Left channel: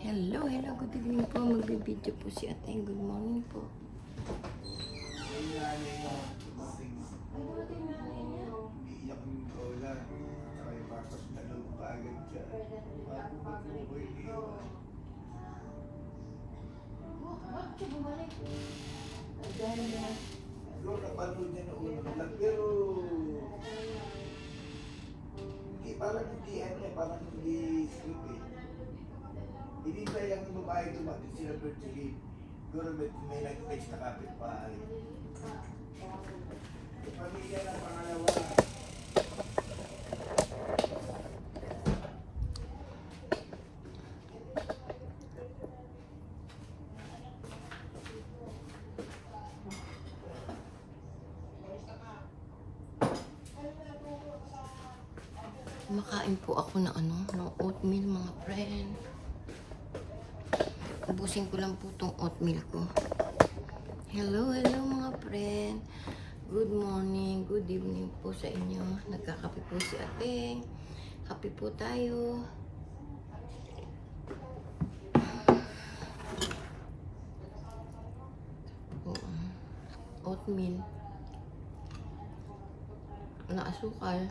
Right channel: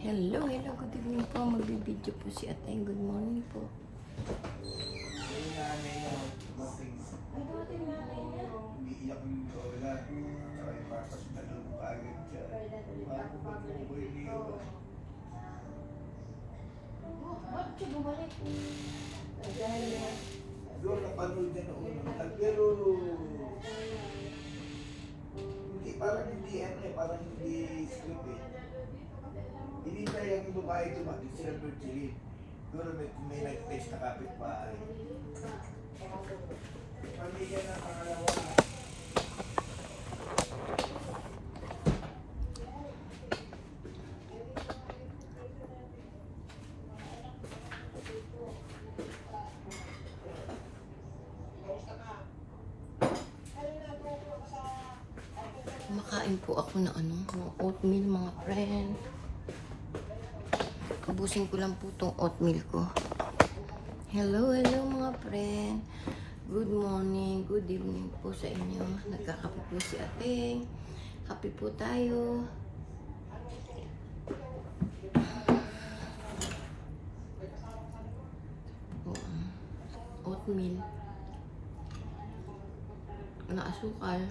Hello, good evening po. Magbibideo po si Ateng. Good morning po. Umiiyak yung lola. Saka yung papas na doon kaagad siya. Bago pa po ko yung iwan. Doon napanood niya na unang pero hindi parang hindi parang hindi script eh. Hindi pa yung babae dumating sila Virgilin. Siguro may nag-test na kapitbahay. Pamilya ng pangalawa. Kumakain po ako ng ng oatmeal mga friend. Ubusin ko lang po itong oatmeal ko. Hello mga friend. Good morning, good evening po sa inyo. Nagkakape po si Ateng. Kape po tayo. Oatmeal. Walang asukal.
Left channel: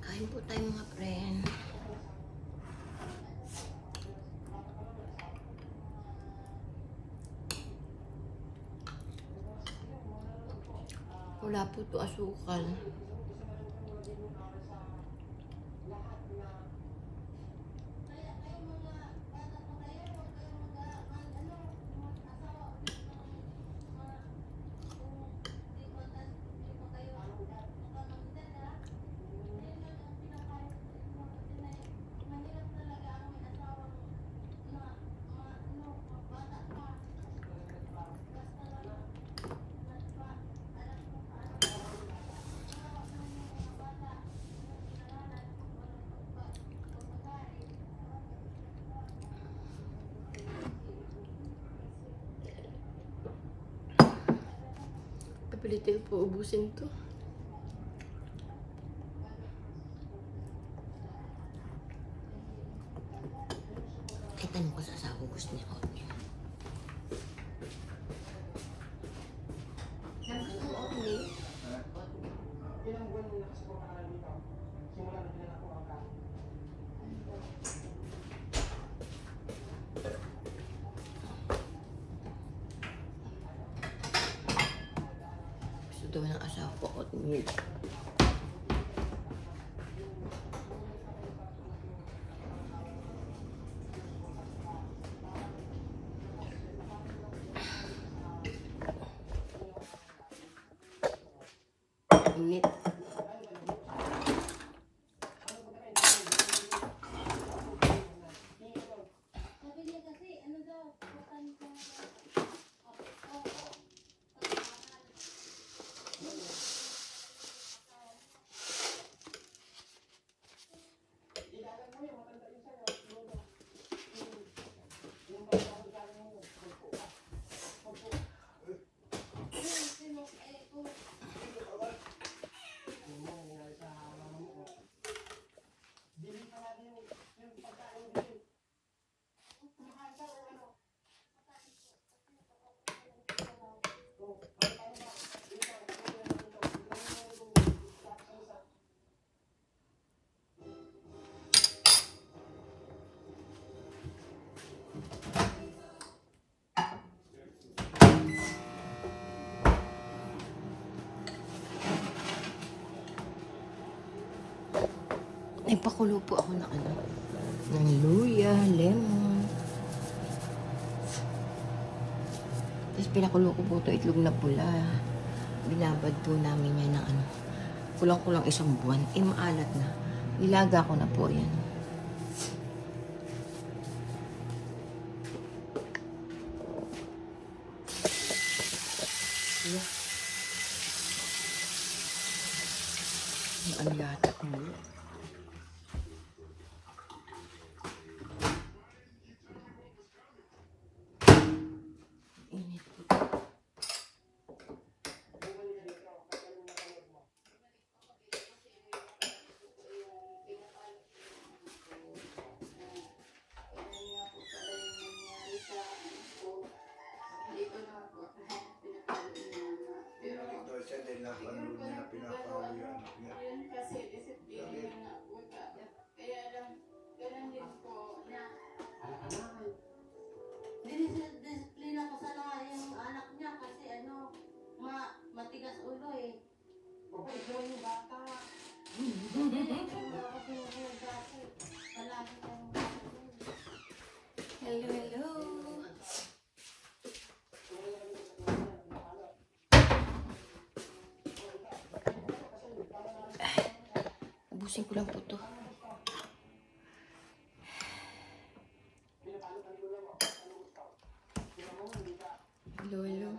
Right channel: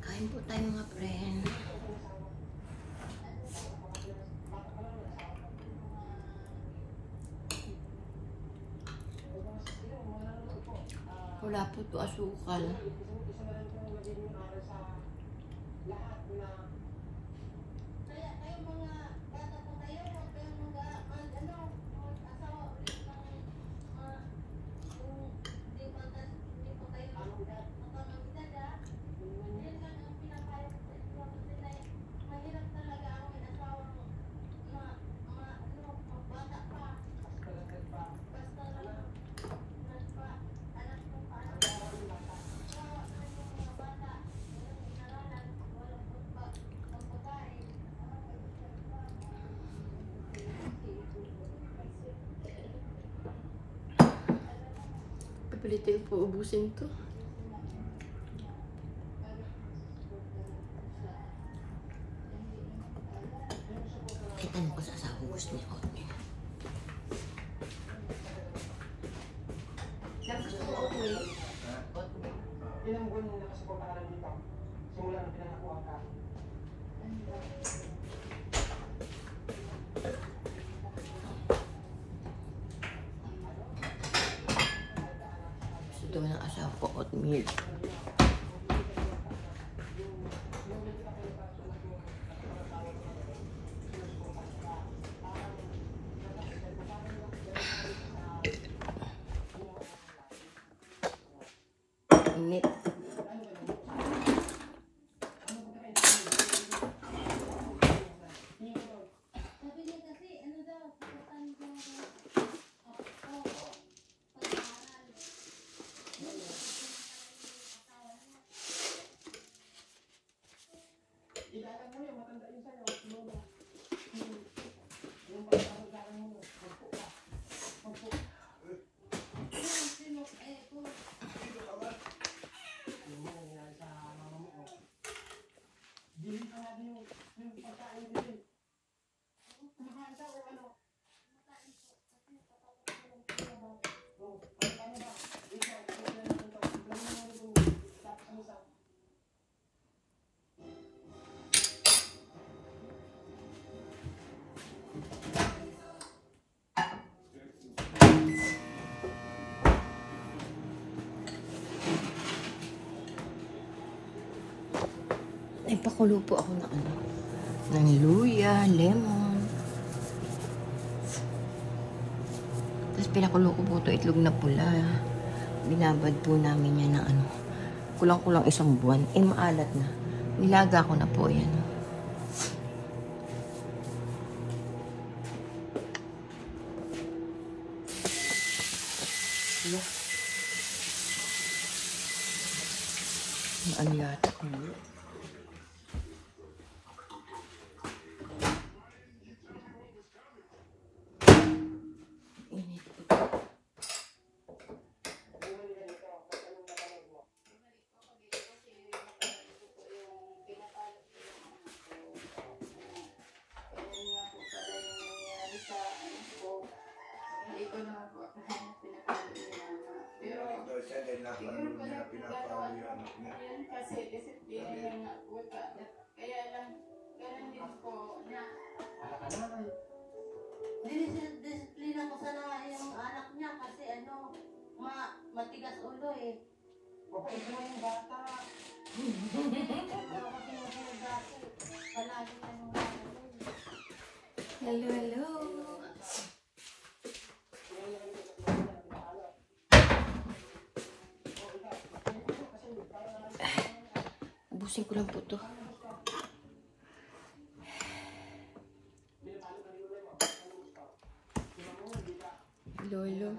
Kain po tayo mga friend. Wala po ito asukal. Pilitin po ubusin to. Ay, tanong ko sa asawa gusto niya oatmeal. Ilang buwan mo nakasuporta ka lang dito? Simula na pinanakuha ka. Gusto daw ng asawa ko oatmeal. mainit. Ipakulo po ako ng ano, ng luya, lemon. Tapos pinakulo ko po ito itlog na pula. Binabad po namin yan ng ano, kulang-kulang 1 buwan. Eh, maalat na. Nilaga ko na po yan. Ang yata ko. Disiplina ko sana yung anak niya kasi ano, matigas ulo eh. Okay, yung bata. Hello, hello. Ubusin ko lang po to. Hello, hello.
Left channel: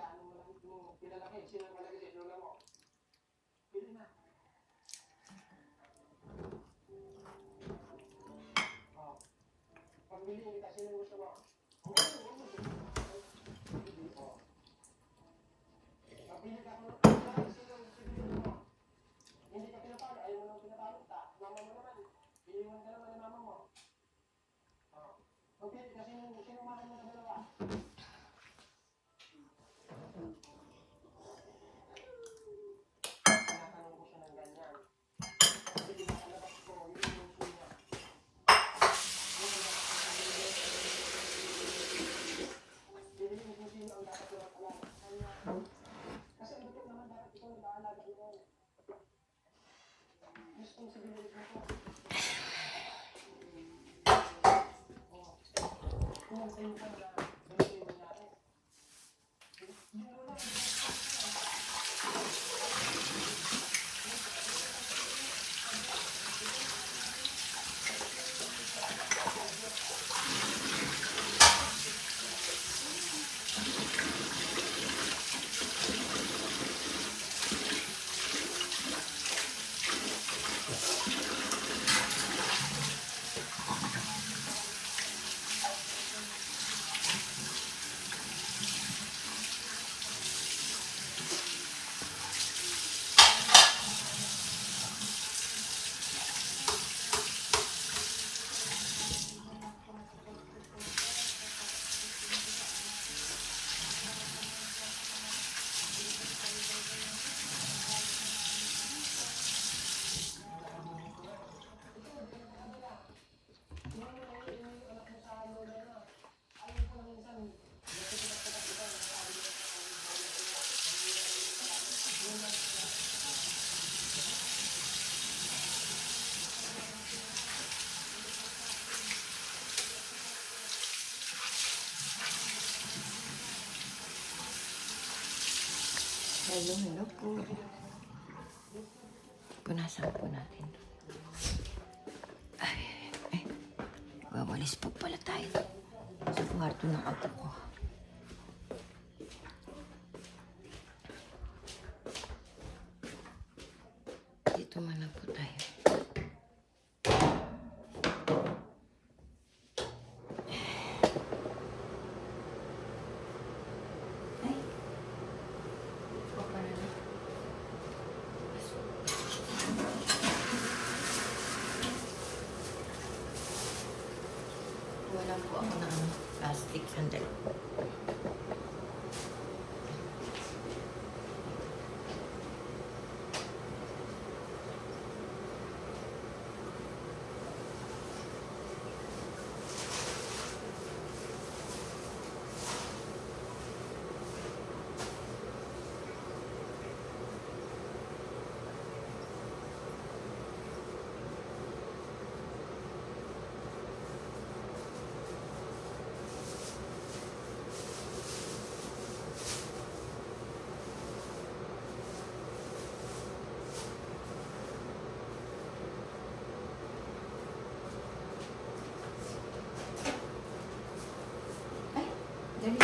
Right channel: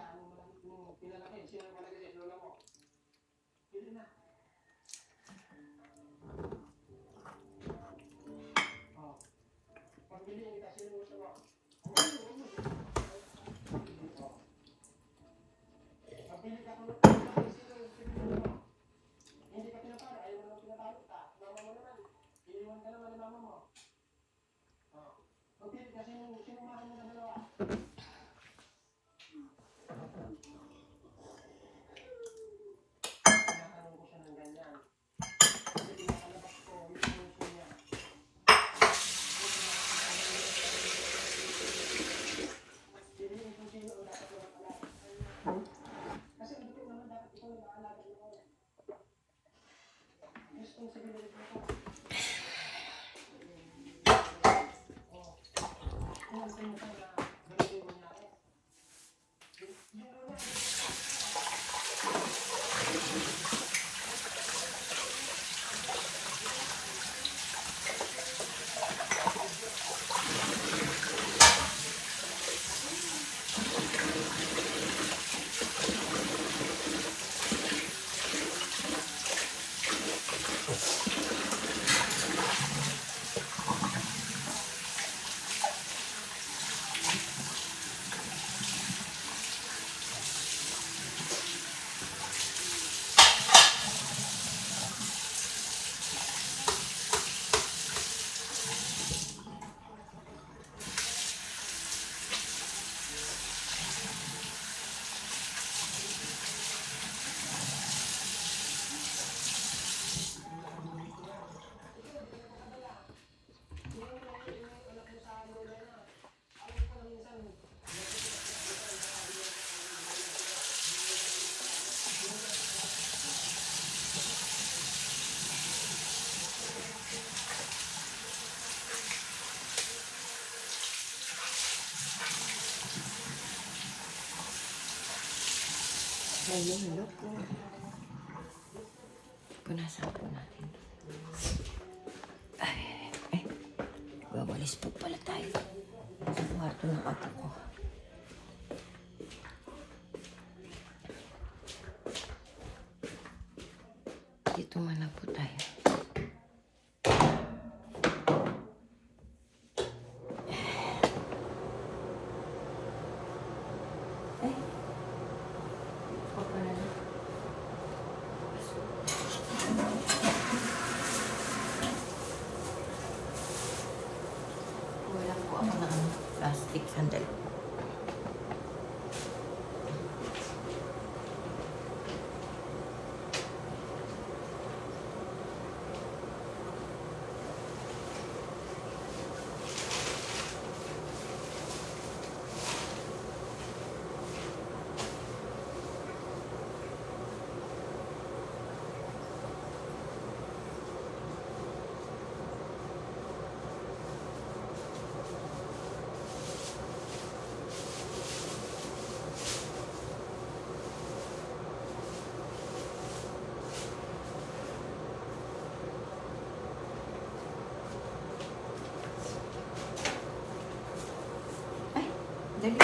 Hello, hello po. Punasan po natin to. Ay. Wawalis po pala tayo sa kwarto ng apo ko. Dito man lang po tayo. Ay. Pagpala na. Wala po ako ng plastic sandal. Dali.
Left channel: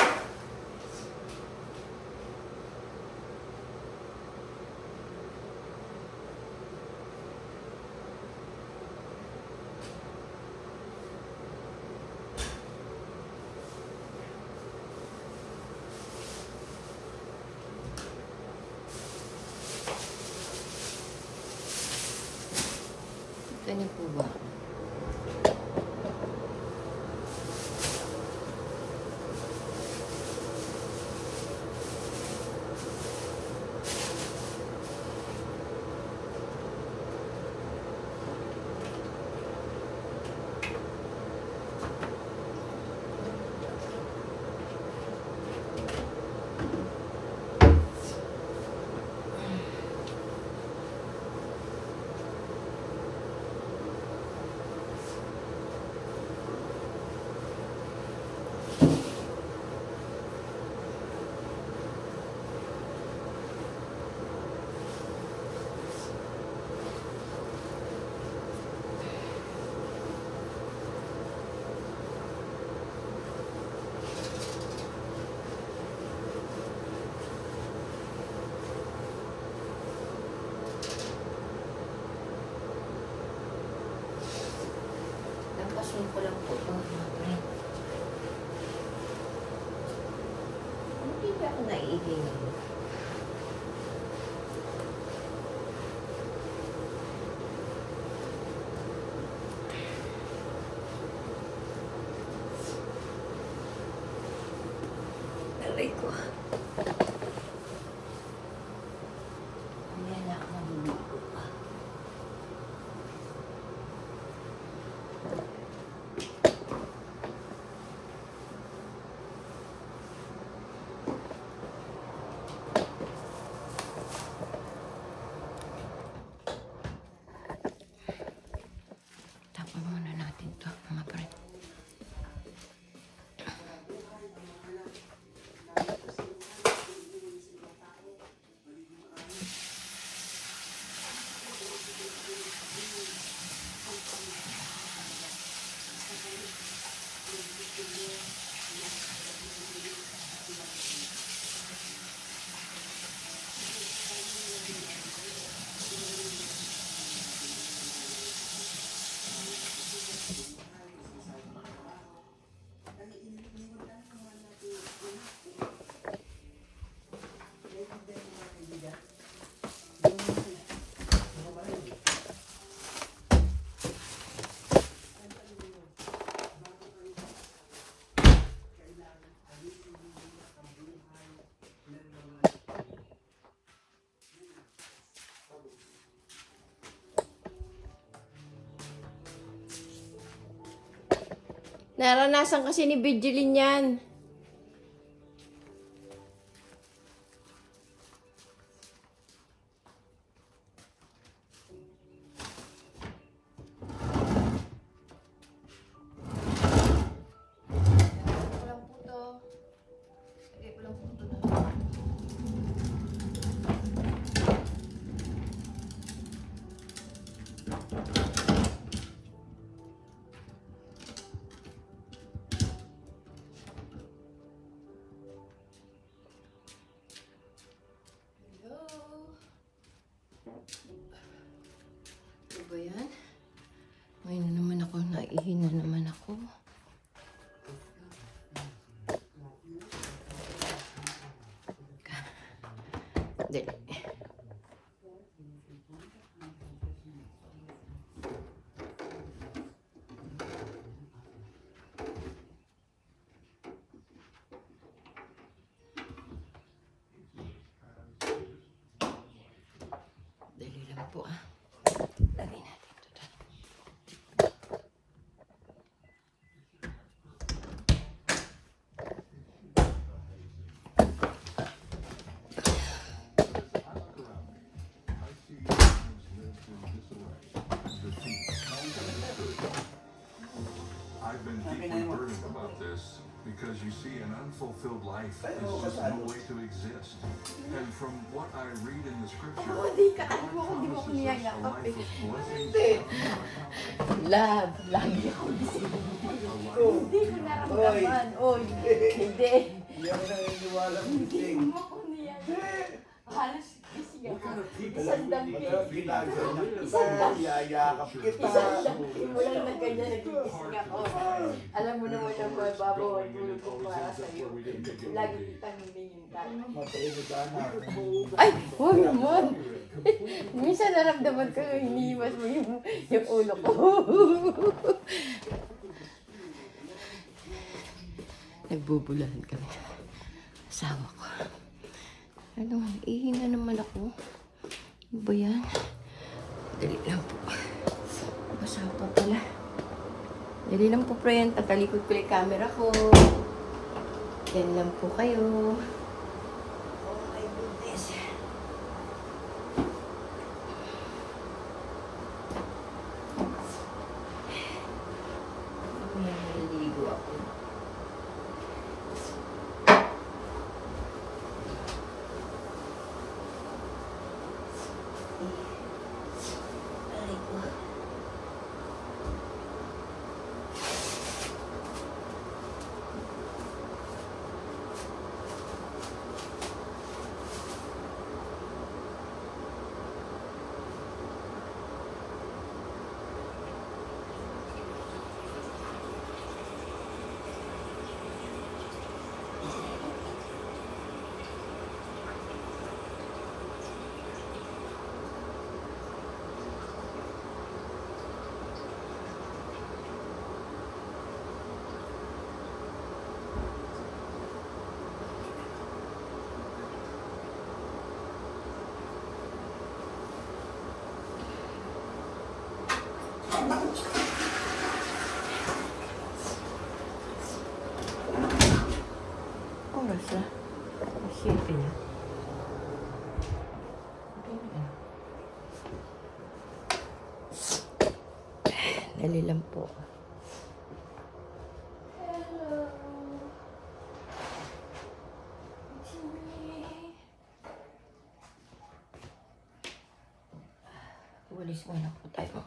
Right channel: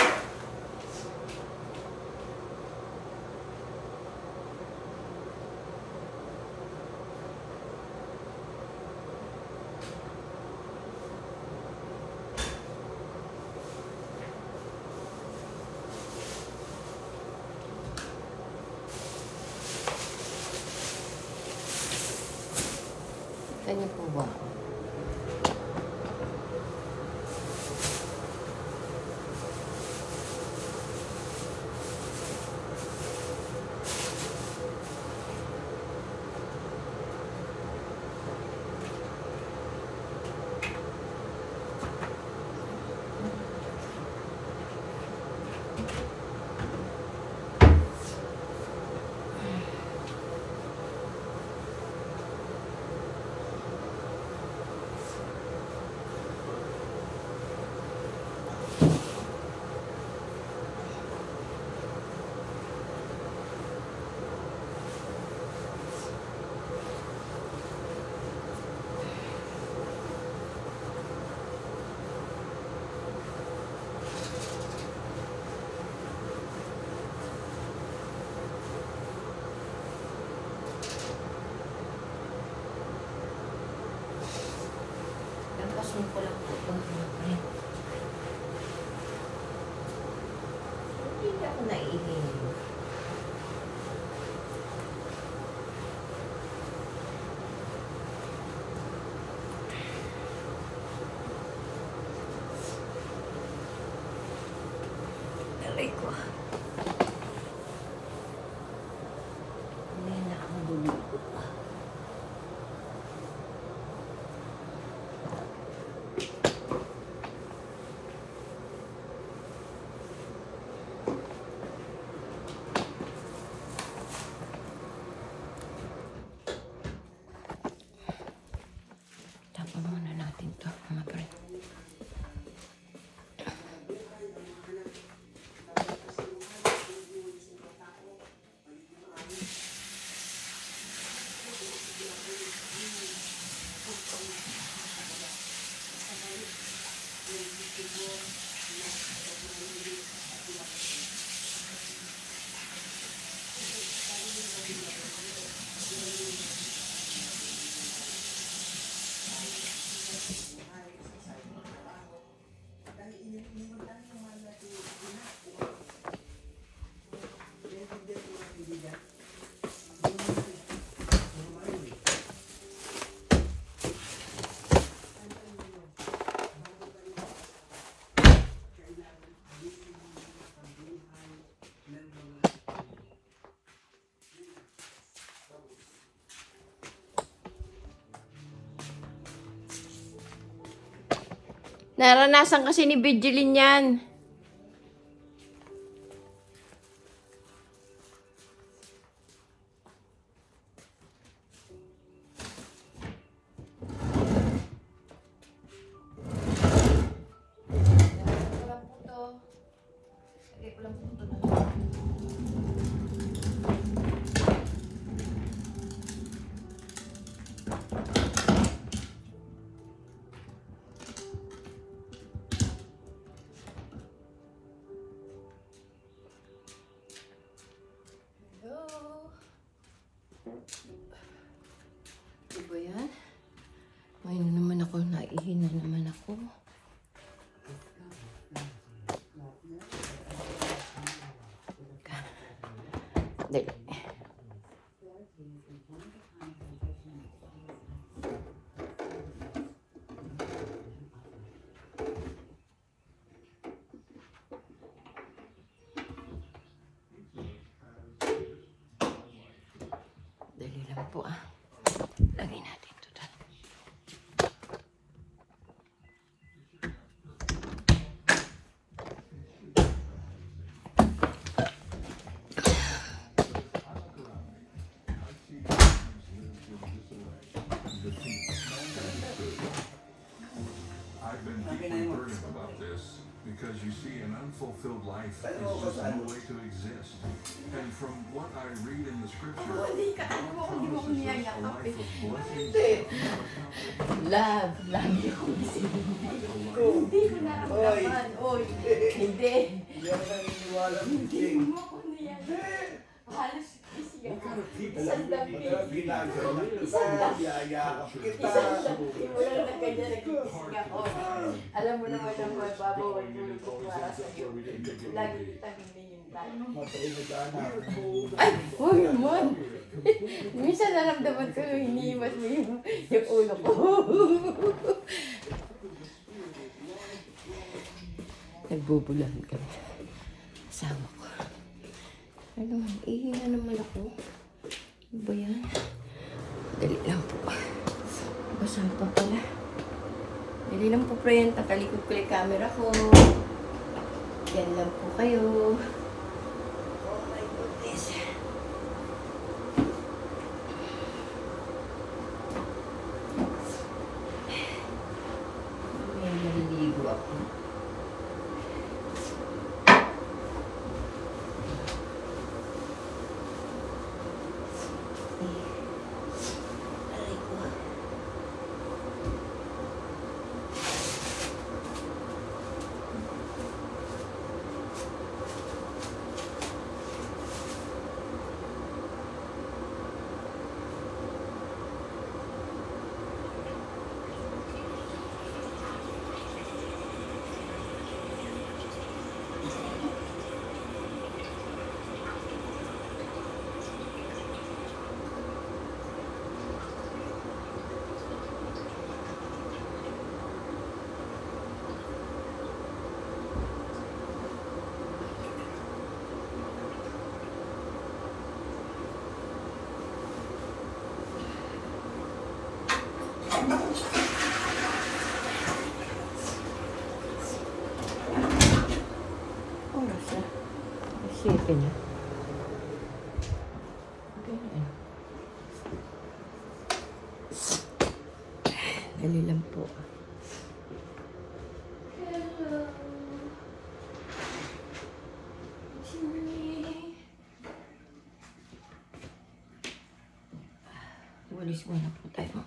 Ganyan po ba? Lampasin ko lang po ito. Hindi ako naiibig. Aray ko. Hindi na ako naliligo pa. Tapon muna natin to, mga friend. Naranasan kasi ni Virgilin yan. Diba yan? Ngayon na naman ako, naihi na naman ako. Dali. Dali lang po ah. Lagay natin ito doon. I've been deeply burdened about this because you see, an unfulfilled life is just no way to exist. And from what I read in the scripture, God promises us a life of blessings. Love. Lagi ako hindi ko nararamdaman. Oy, hindi. Hindi ako naniniwala ng thing. Halos siya. Isang ginagawa kita, yayakap kita. Wala na ganyan, nagkikisig ako. Alam mo naman ang babawal tulog ko para sa'yo. Lagi kitang hinihin ka. Matay na sana. Ay, huwag naman. Minsan naramdaman ko yung hinihimas mo yung ulo ko. Nagbubulahan kami. Asawa ko. Ano, ihinga naman ako. Ano ba yan? Dali lang po. Basa pa pala. Dali lang po, friend. Tatalikod ko yung camera ko. Yan lang po kayo. Oh my goodness. May naliligo ako. Siete na. Dali lang po. Hello. Walis muna po tayo.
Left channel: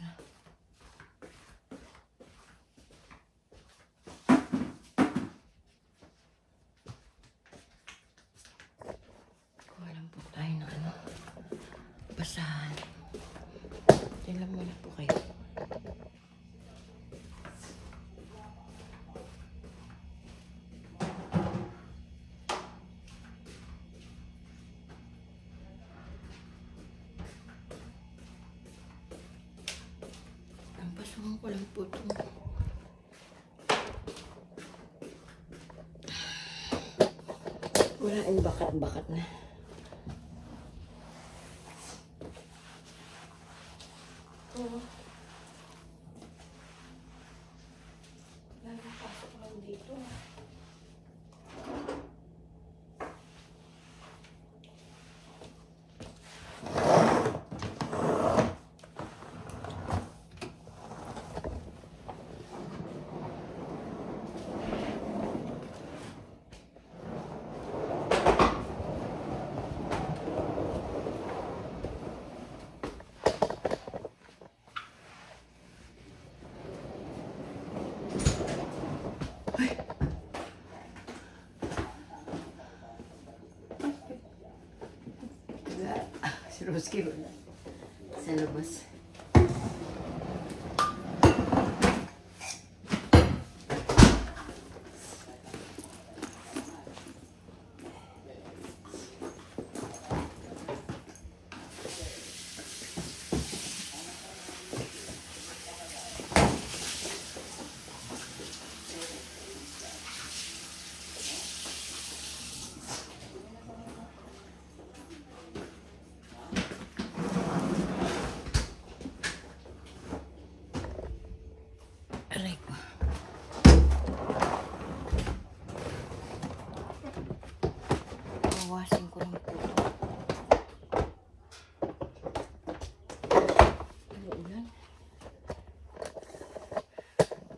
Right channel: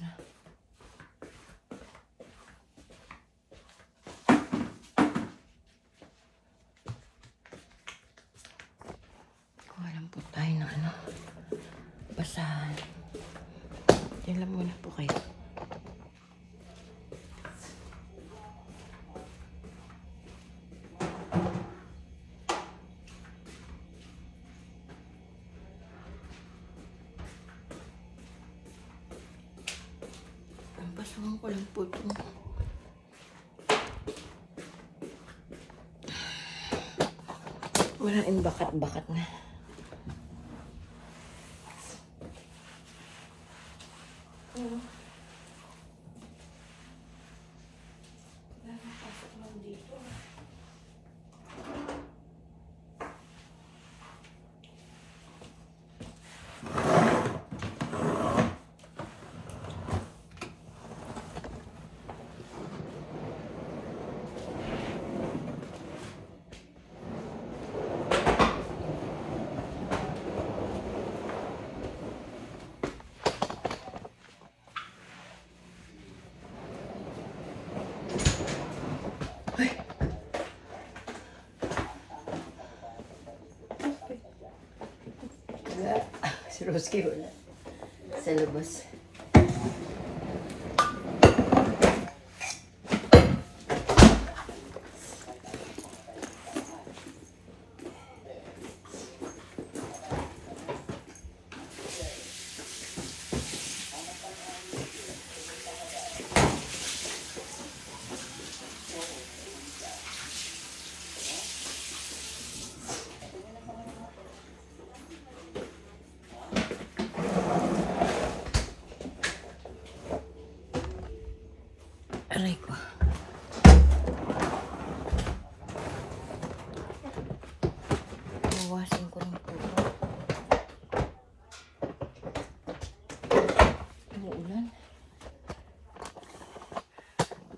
na. Kuha lang po tayo ng ano, basahan. Diyan lang muna po kayo. Pasukan ko lang po ito. Maraming bakat-bakat na. Pasok lang dito. Si Roski wala. Sa labas. Aray ko. Bawasin ko lang po ito. Umuulan.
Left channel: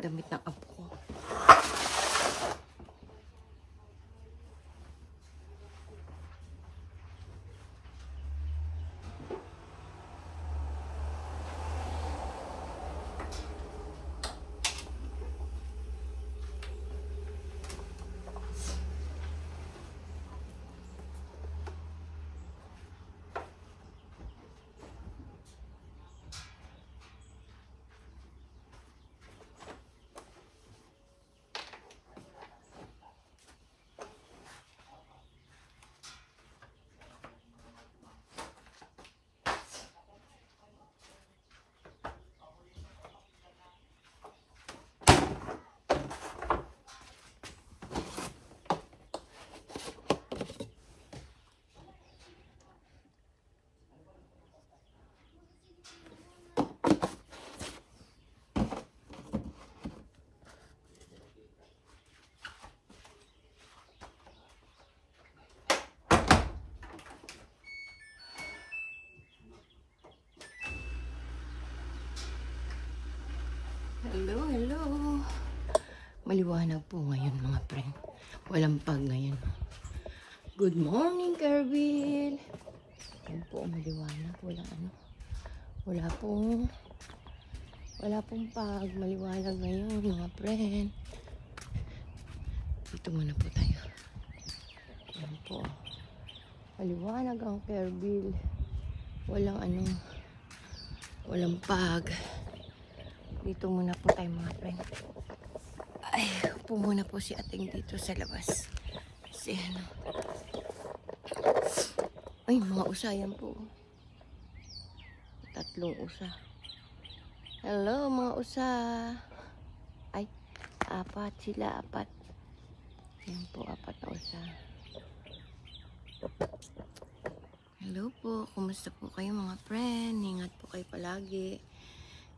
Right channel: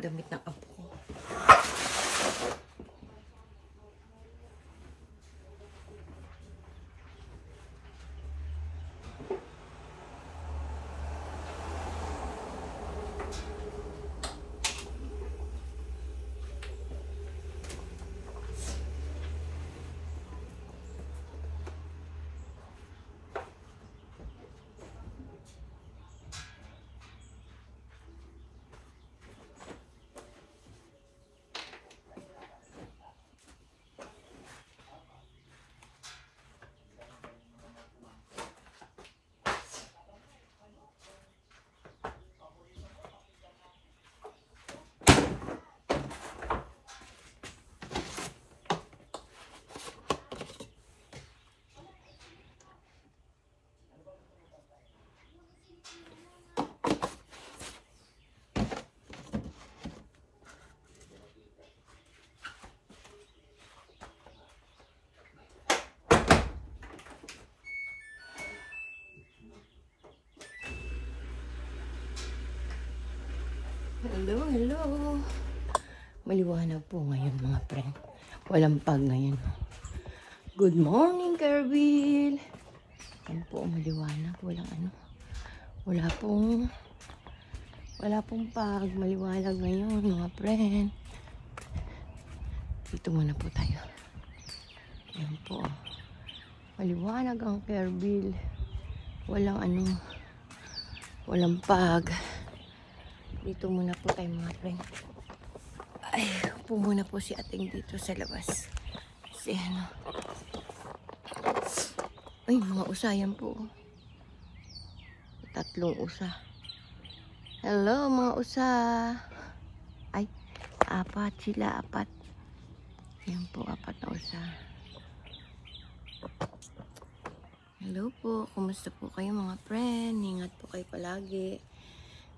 Damit ng apo ko. Hello, hello. Maliwanag po ngayon mga friend. Walang pag ngayon. Good morning, Kerbil. Yan po, maliwanag. Walang ano. Wala pong pag. Maliwanag ngayon mga friend. Dito muna po tayo. Yan po. Maliwanag ang Kerbil. Walang ano. Walang pag. Dito muna po tayo mga friend. Ay, upo muna po si ating dito sa labas. Kasi ano. Ay, mga usa yan po. 3 usa. Hello mga usa. Ay, 4 sila, 4. Yan po, 4 na usa. Hello po. Kumusta po kayo mga friend? Ingat po kayo palagi.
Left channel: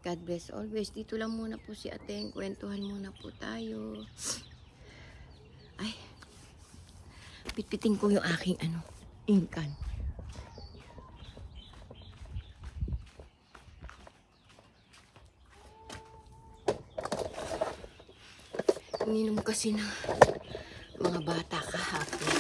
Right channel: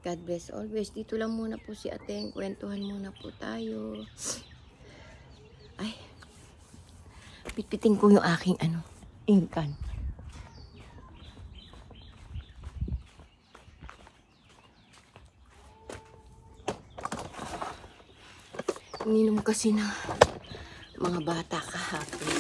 God bless always. Dito lang muna po si Ateng. Kwentuhan muna po tayo. Ay. Pitpiting ko yung aking ano. Inkan. Ininom kasi na mga bata kahapon.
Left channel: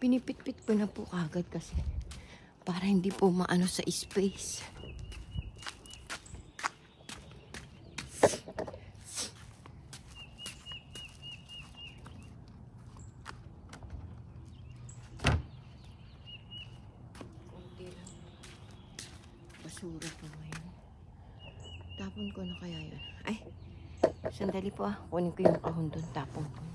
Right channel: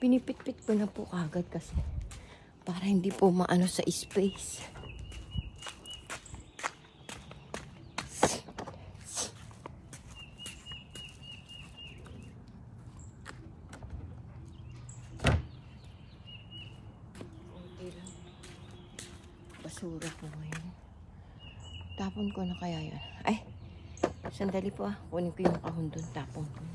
Pinipit-pit ko na po agad kasi para hindi po maano sa space. Kunti lang. Basura po ngayon. Tapon ko na kaya yun. Ay, sandali po ah. Kunin ko yung kahon doon. Tapon ko na.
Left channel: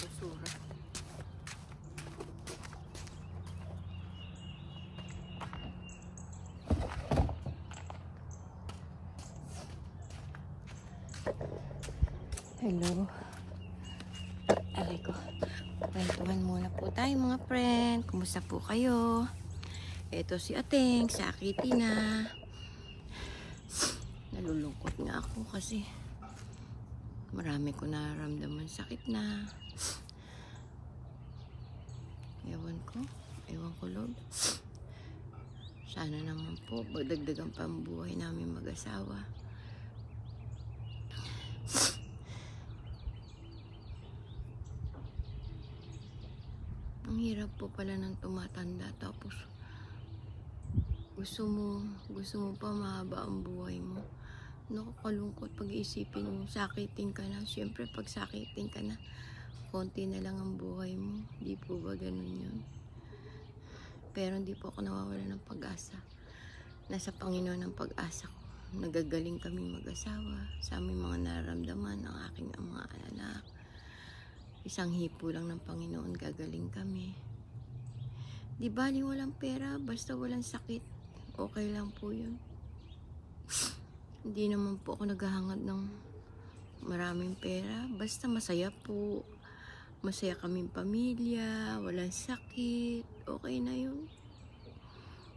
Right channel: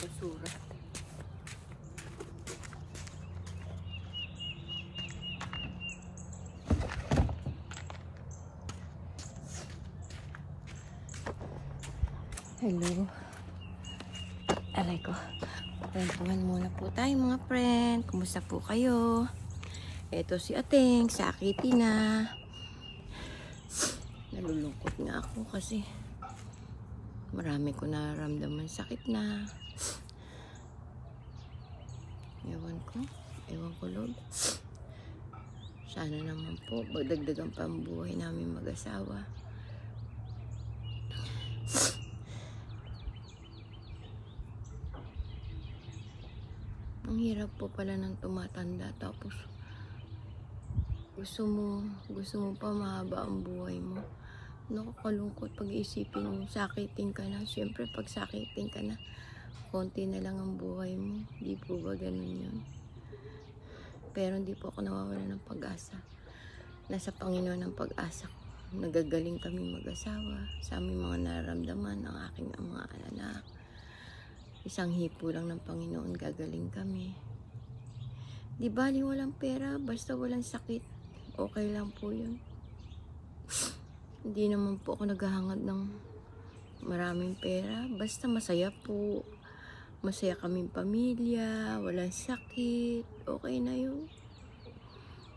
Basura. Hello. Aray ko. Kwentuhan muna po tayo mga friend. Kumusta po kayo? Eto si Ateng. Sakiti na. Nalulungkot nga ako kasi marami ko nararamdaman sakit na. Ewan ko Lord. Sana naman po magdagdagan pa ang buhay namin mag-asawa. Ang hirap po pala ng tumatanda tapos gusto mo pa mahaba ang buhay mo. Nakakalungkot pag-iisipin mo, sakitin ka na. Siyempre pag sakitin ka na, konti na lang ang buhay mo. Di po ba ganun yun? Pero hindi po ako nawawala ng pag-asa. Nasa Panginoon ang pag-asa ko. Nagagaling kami mag-asawa sa aming mga nararamdaman ng aking mga anak. Isang hipo lang ng Panginoon, gagaling kami. Di bali walang pera, basta walang sakit. Okay lang po yun. Hindi naman po ako naghahangad ng maraming pera. Basta masaya po. Masaya kaming pamilya, walang sakit, okay na yun.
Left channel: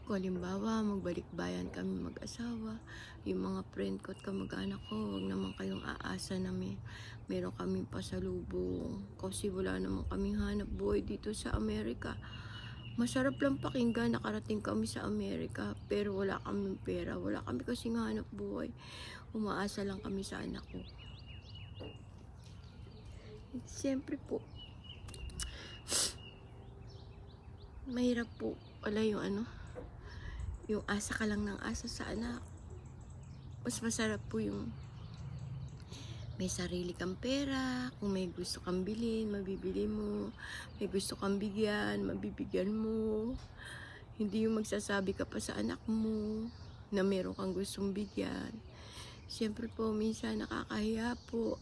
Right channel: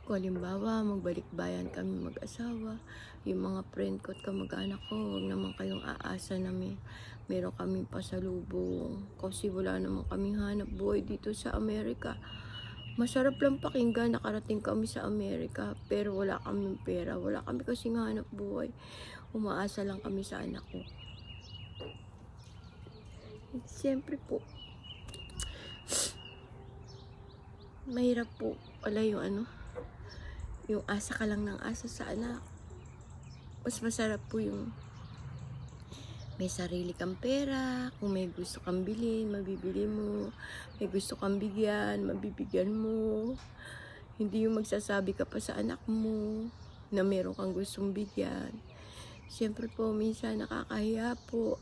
Kung halimbawa, magbalik bayan kami mag-asawa, yung mga friend ko at kamag-anak ko, huwag naman kayong aasa na meron kaming pasalubong. Kasi wala naman kaming hanap buhay dito sa Amerika. Masarap lang pakinggan, nakarating kami sa Amerika, pero wala kaming pera, wala kami kasing hanap buhay. Umaasa lang kami sa anak ko. Siyempre po, mahirap po wala yung yung asa ka lang ng asa sa anak. Mas masarap po yung may sarili kang pera. Kung may gusto kang bilhin, mabibili mo. May gusto kang bigyan, mabibigyan mo. Hindi yung magsasabi ka pa sa anak mo na meron kang gustong bigyan. Siyempre po, minsan nakakahiya po.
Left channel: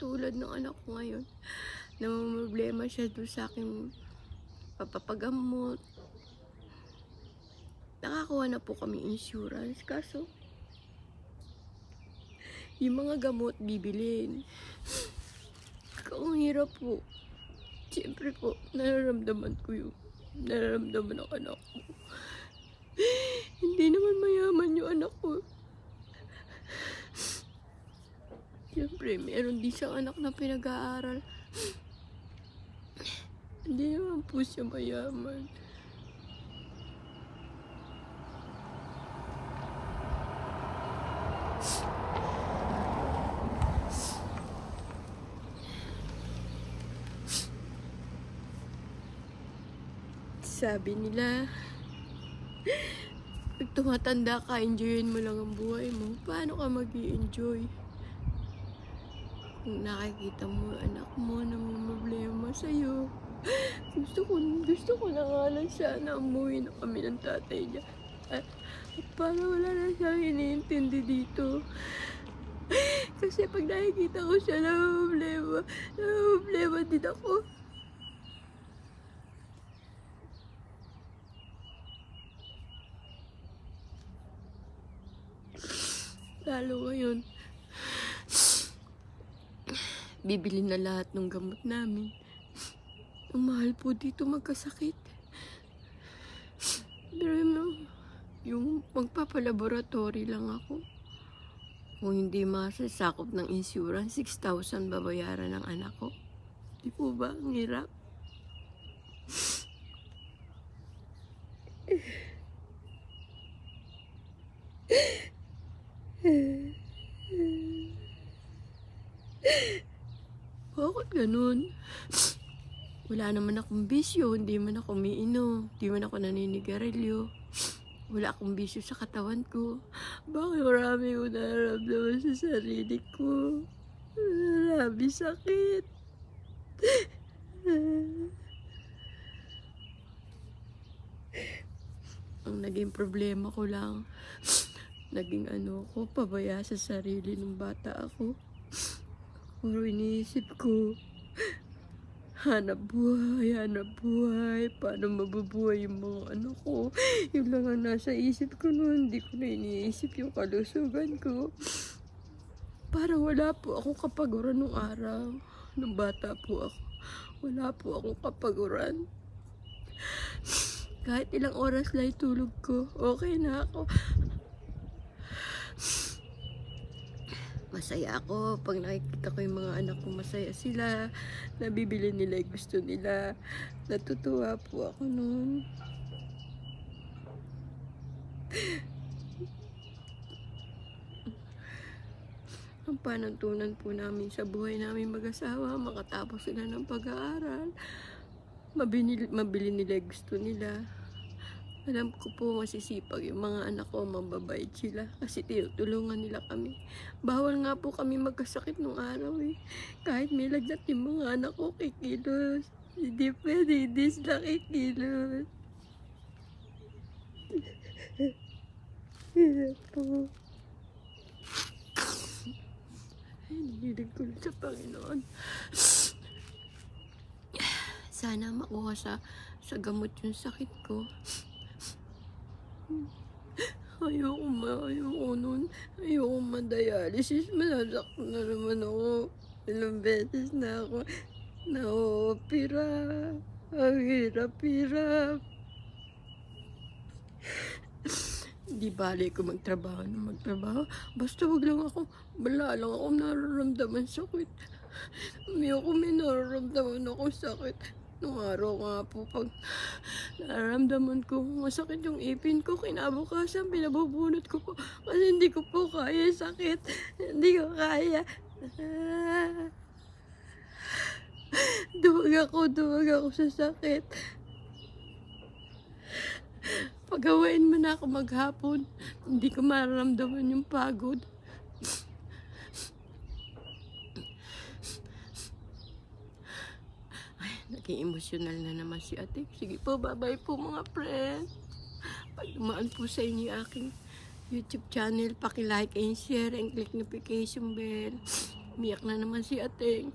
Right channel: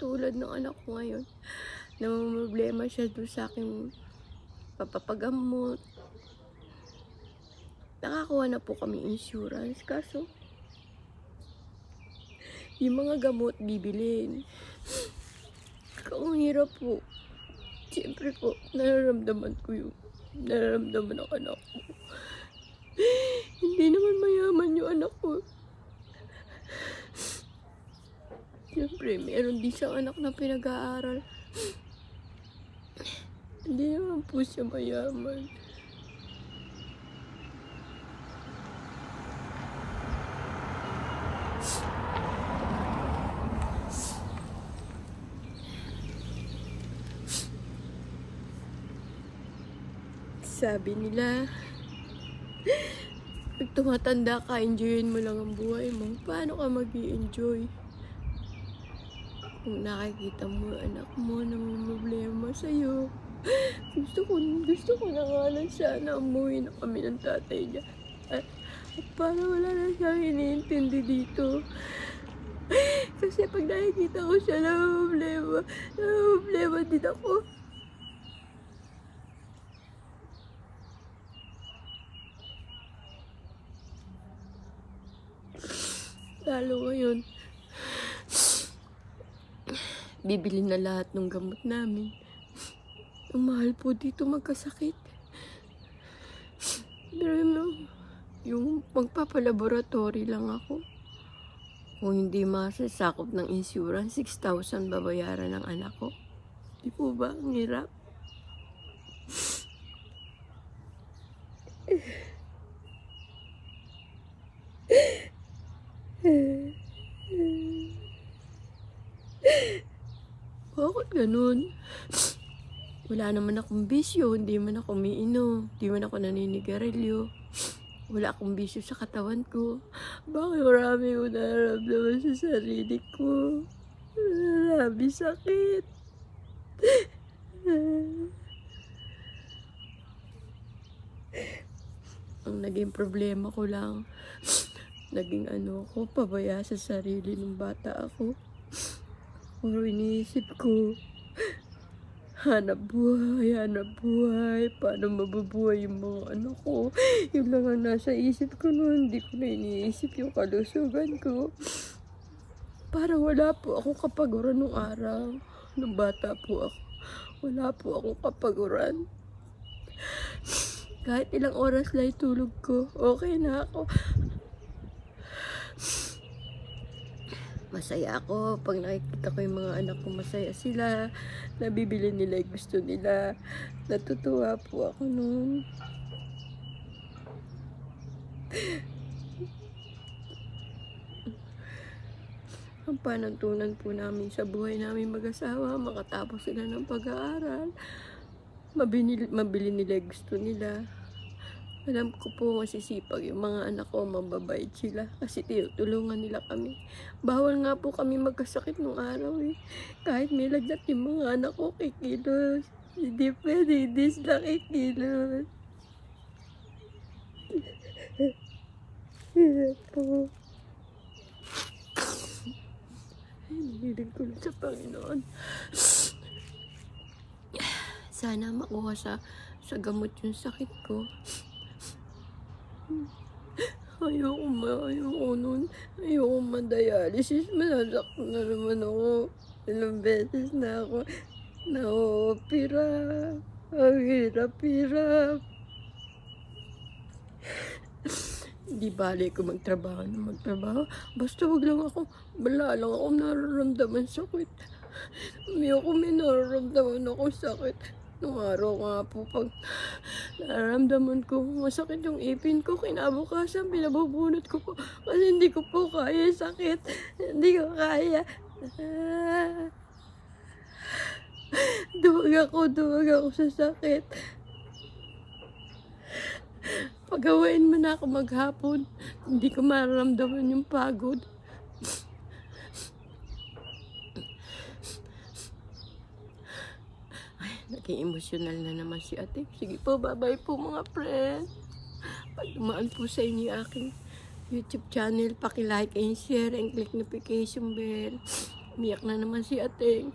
Tulad ng anak ko ngayon, na problema siya doon sa aking papapagamot. Nakakuha na po kami insurance, kaso yung mga gamot bibilin. Ang hirap po. Siyempre po, nararamdaman ko yung nararamdaman ng anak ko. Hindi naman mayaman yung anak ko. Siyempre, meron din siyang anak na pinag-aaral. Hindi naman po siya mayaman. Sabi nila, pag tumatanda ka, enjoyin mo lang ang buhay mo. Paano ka mag-i-enjoy? Kung nakikita mo anak mo na may problema sa'yo, gusto ko na nga lang sana umuwi na kami ng tatay niya. At para wala na siyang iniintindi dito. Kasi pag nakikita ko siya na problema din ako. Lalo ngayon, bibili na lahat ng gamot namin. Ang mahal po dito magkasakit. Pero yung magpapalaboratory lang ako. Kung hindi masasakop ng insurance, 6,000 babayaran ng anak ko. Di po ba ang hirap? Bakit ganun? Wala naman akong bisyo, hindi man ako umiinom, hindi man ako naninigarilyo. Wala akong bisyo sa katawan ko. Bakit marami ko nararamdaman sa sarili ko? Marami sakit. Ang naging problema ko lang, naging pabaya sa sarili nung bata ako. Puro iniisip ko, hanap buhay, paano mabubuhay yung mga anak ko. Yun lang ang nasa isip ko noon, hindi ko na iniisip yung kalusugan ko. Parang wala po akong kapaguran nung araw. Nung bata po ako, wala po akong kapaguran. Kahit ilang oras lang tulog ko, okay na ako. Masaya ako pag nakikita ko yung mga anak ko, masaya sila, nabibili nila yung gusto nila. Natutuwa po ako noon. Ang panuntunan po namin sa buhay namin mag-asawa, makatapos sila ng pag-aaral, mabili nila yung gusto nila. Alam ko po masisipag yung mga anak ko, mababait sila kasi tinutulungan nila kami. Bawal nga po kami magkasakit nung araw eh. Kahit may lagnat yung mga anak ko, kikilos. Hindi pwede, hindi sila kikilos. Hirap po. Hinihiling ko lang sa Panginoon. Sana makuha sa gamot yung sakit ko. Ayoko nun. Ayoko ma-dialysis. Masasaktan na naman ako. Ilang beses na ako na-opera. Ang hirap-hirap. Di bali ko magtrabaho. Basta wag lang ako. Wala lang ako nararamdaman sakit. Ayoko may nararamdaman ako sakit. Nung araw nga po, pag nararamdaman ko masakit yung ipin ko, kinabukasan, pinabubunot ko po. Kasi hindi ko po kaya sakit. Hindi ko kaya. Duwag ako sa sakit. Pagawain mo na ako maghapon, hindi ko mararamdaman yung pagod. Naging emosyonal na naman si ate. Sige po, bye-bye po mga friend. Pag dumaan po sa inyo yung aking YouTube channel, paki-like and share and click notification bell. Umiyak na naman si ate.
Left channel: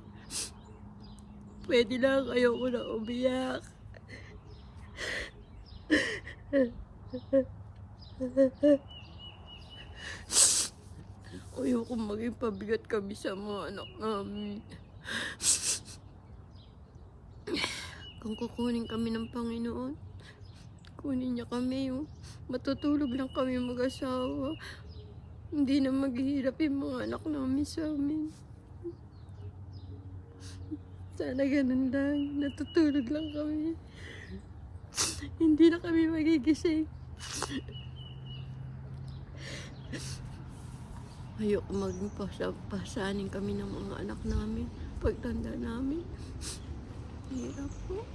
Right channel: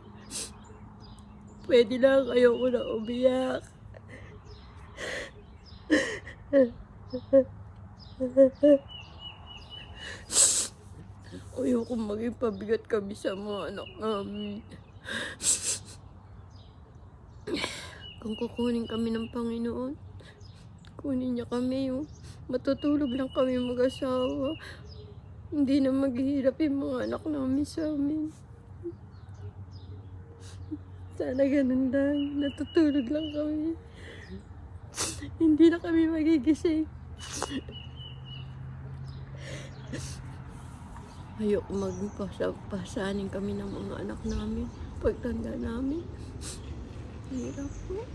Pwede lang, ayoko na umiyak. Ayoko maging pabigat kami sa mga anak namin. Kung kukunin kami ng Panginoon, kunin niya kami yung matutulog lang kami mag-asawa. Hindi na maghihirap yung mga anak namin sa amin. Sana ganun lang, natutulog lang kami. Hindi na kami magigising. Ayoko maging pasanin kami ng mga anak namin pagtanda namin. Hirap po.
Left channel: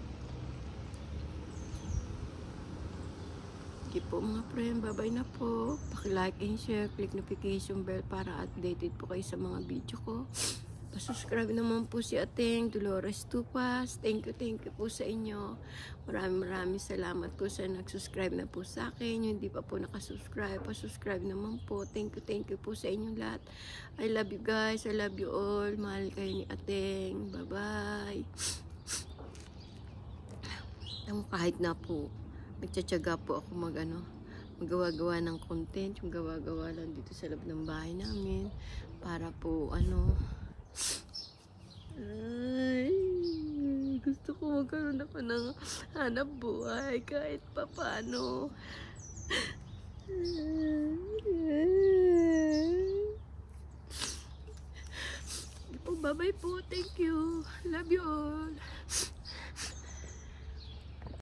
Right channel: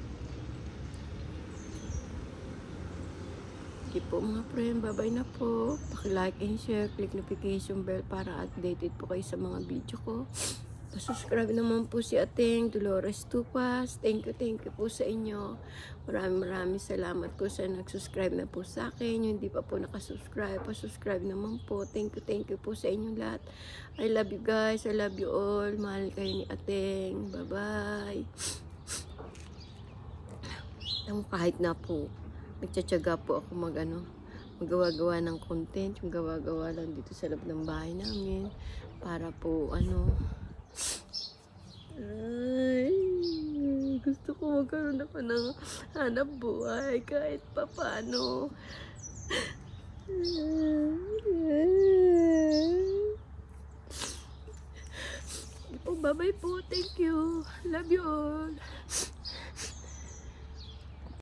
Okay po mga friend, bye-bye na po. Paki-like and share, click notification bell para updated po kayo sa mga video ko. Pa-subscribe naman po si Ating Dolores Tupas. Thank you po sa inyo. Maraming salamat po sa nag-subscribe na po sa akin. Yung hindi pa po nakasubscribe, pa-subscribe naman po. Thank you po sa inyong lahat. I love you guys. I love you all. Mahal kayo ni Ating. Bye-bye. Kahit na po, nagtsatsaga po ako magawa-gawa ng content, yung gawa-gawa lang dito sa loob ng bahay namin para po ano, ay, gusto ko magkaroon ako ng hanap buhay kahit pa paano. Bye-bye po. Thank you. Love you all.